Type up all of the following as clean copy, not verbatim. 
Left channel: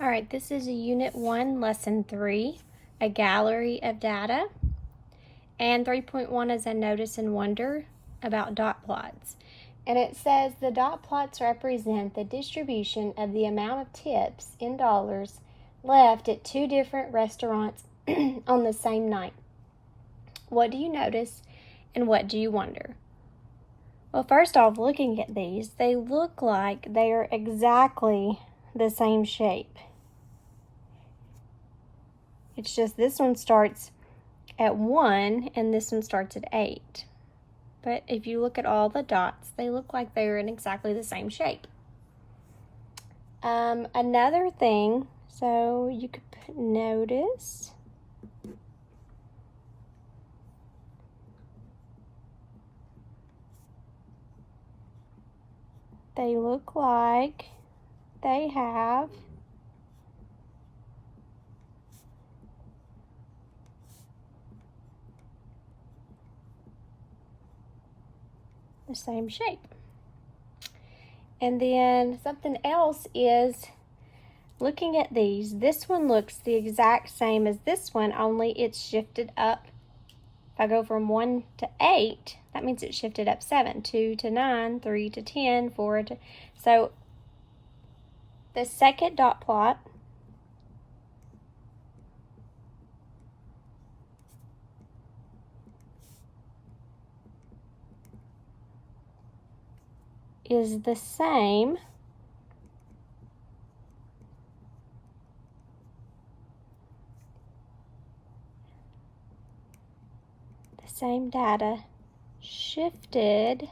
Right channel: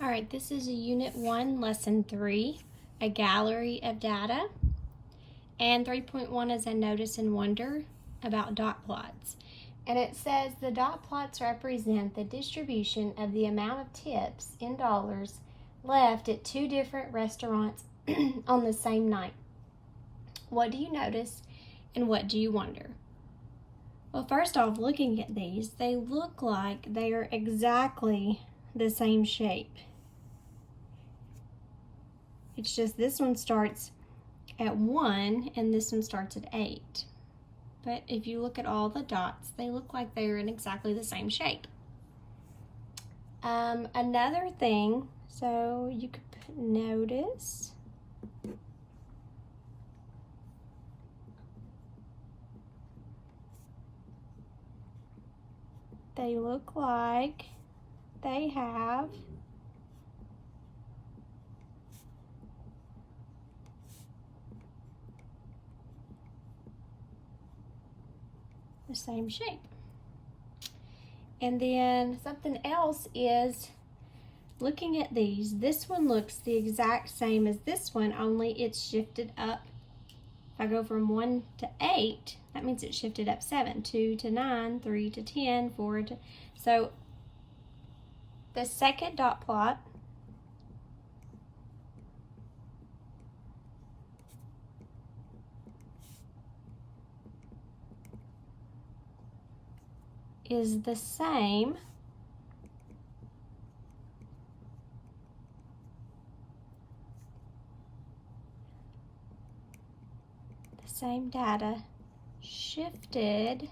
All right, this is a Unit 1, Lesson 3, a gallery of data. And 3.1 is a notice and wonder about dot plots. And it says the dot plots represent the distribution of the amount of tips in dollars left at two different restaurants on the same night. What do you notice and what do you wonder? Well, first off, looking at these, they look like they are exactly the same shape. It's just this one starts at 1 and this one starts at 8. But if you look at all the dots, they look like they're in exactly the same shape. Another thing, so you could notice they look like they have the same shape. And then something else is looking at these. This one looks the exact same as this one, only it's shifted up. If I go from 1 to 8, that means it's shifted up 7, 2 to 9, 3 to 10, 4 to... So the second dot plot is the same data shifted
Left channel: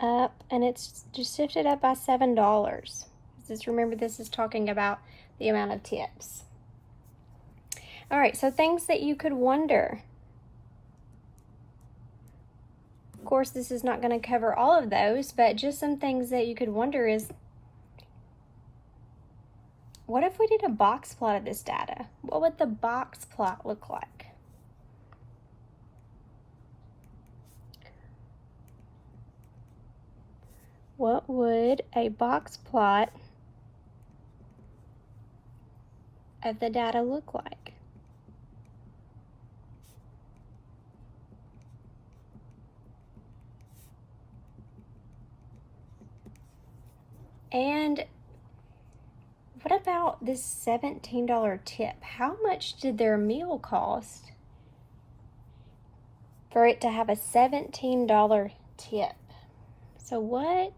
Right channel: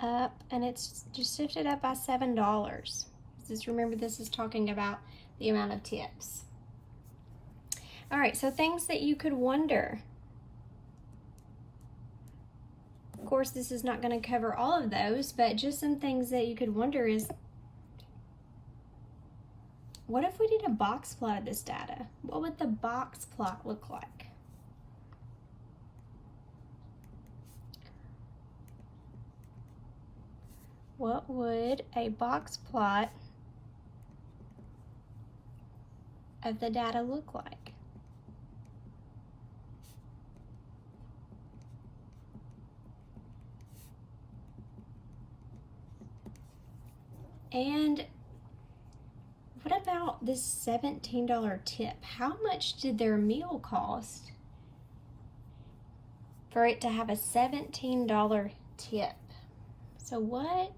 up, and it's just shifted up by $7. Just remember, this is talking about the amount of tips. All right, so things that you could wonder. Of course, this is not going to cover all of those, but just some things that you could wonder is, what if we did a box plot of this data? What would the box plot look like? What would a box plot of the data look like? And what about this $17 tip? How much did their meal cost for it to have a $17 tip? So what?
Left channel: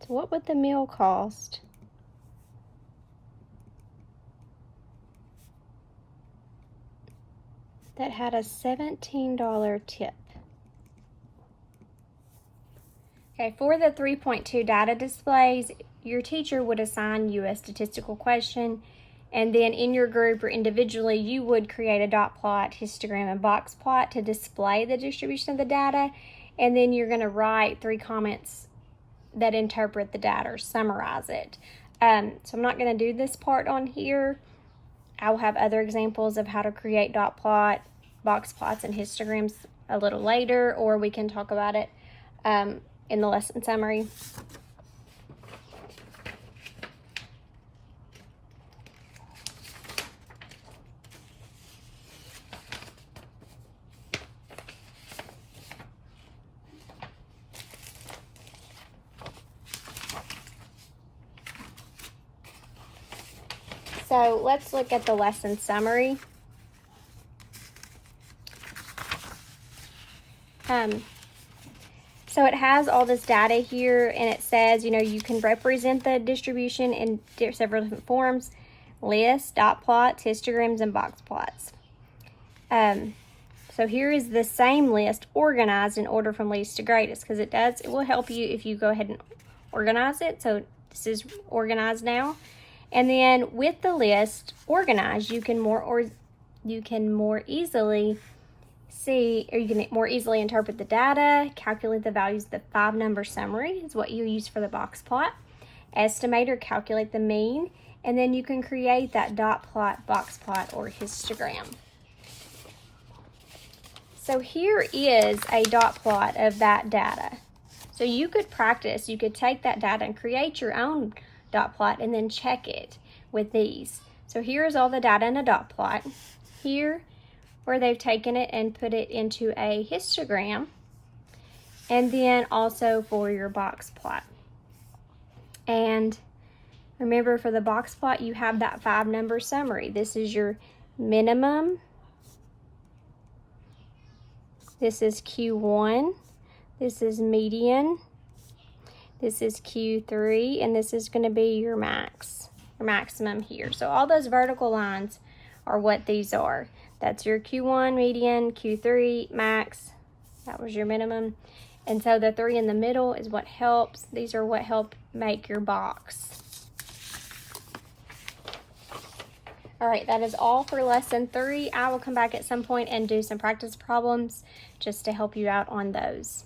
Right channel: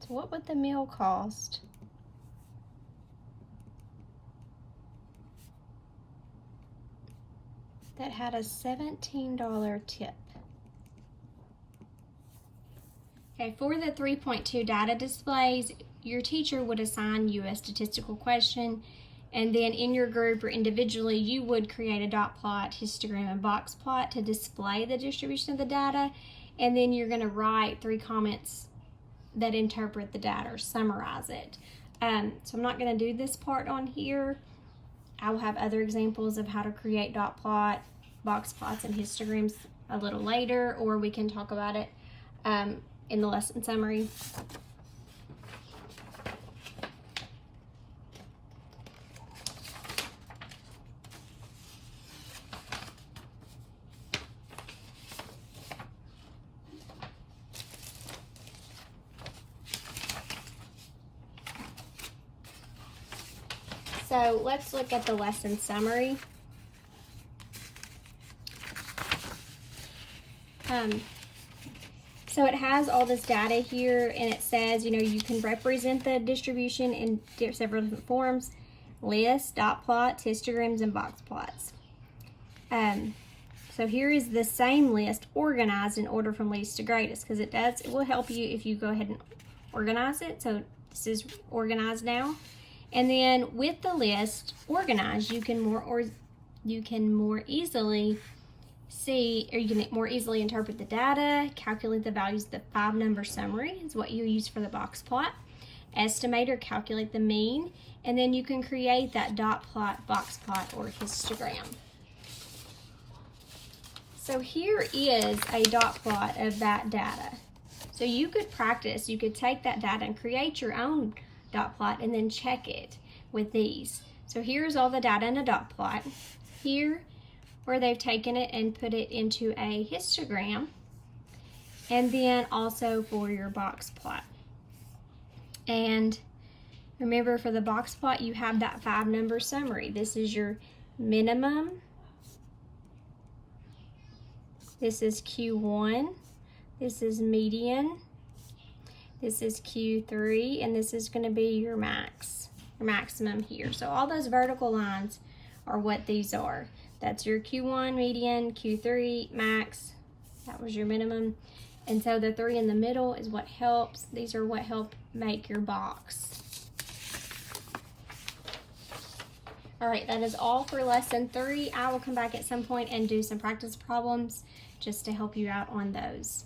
So what would the meal cost? That had a $17 tip. Okay, for the 3.2 data displays, your teacher would assign you a statistical question, and then in your group or individually, you would create a dot plot, histogram, and box plot to display the distribution of the data, and then you're going to write 3 comments that interpret the data or summarize it. So I'm not going to do this part on here. I will have other examples of how to create dot plot, box plots, and histograms a little later, or we can talk about it in the lesson summary. So let's look at the lesson summary. So it has all this data here, and it says, you can represent the distribution in several different forms: lists, dot plots, histograms, and box plots. So here is the same list organized in order from least to greatest, because it will help you if you go ahead and organize it. So this is organized now. And then with the list organized, you can more easily see, or you can more easily interpret the data, calculate the values of the 5-number summary is what you use for the box plot, estimate or calculate the mean, and then you can create that dot plot, box plot, or histogram. So here is a dot plot of that data. So you could practice, you could take that data and create your own dot plot and then check it with these. So here's all the data in a dot plot. Here, where they've taken it and put it into a histogram, and then also for your box plot. And remember, for the box plot, you have that 5-number summary. This is your minimum. This is Q1. This is median. This is Q3, and this is going to be your max, or maximum here. So all those vertical lines are what these are. That's your Q1, median, Q3, max. That was your minimum. And so the 3 in the middle is what helps. These are what help make your box. All right, that is all for lesson 3. I will come back at some point and do some practice problems just to help you out on those.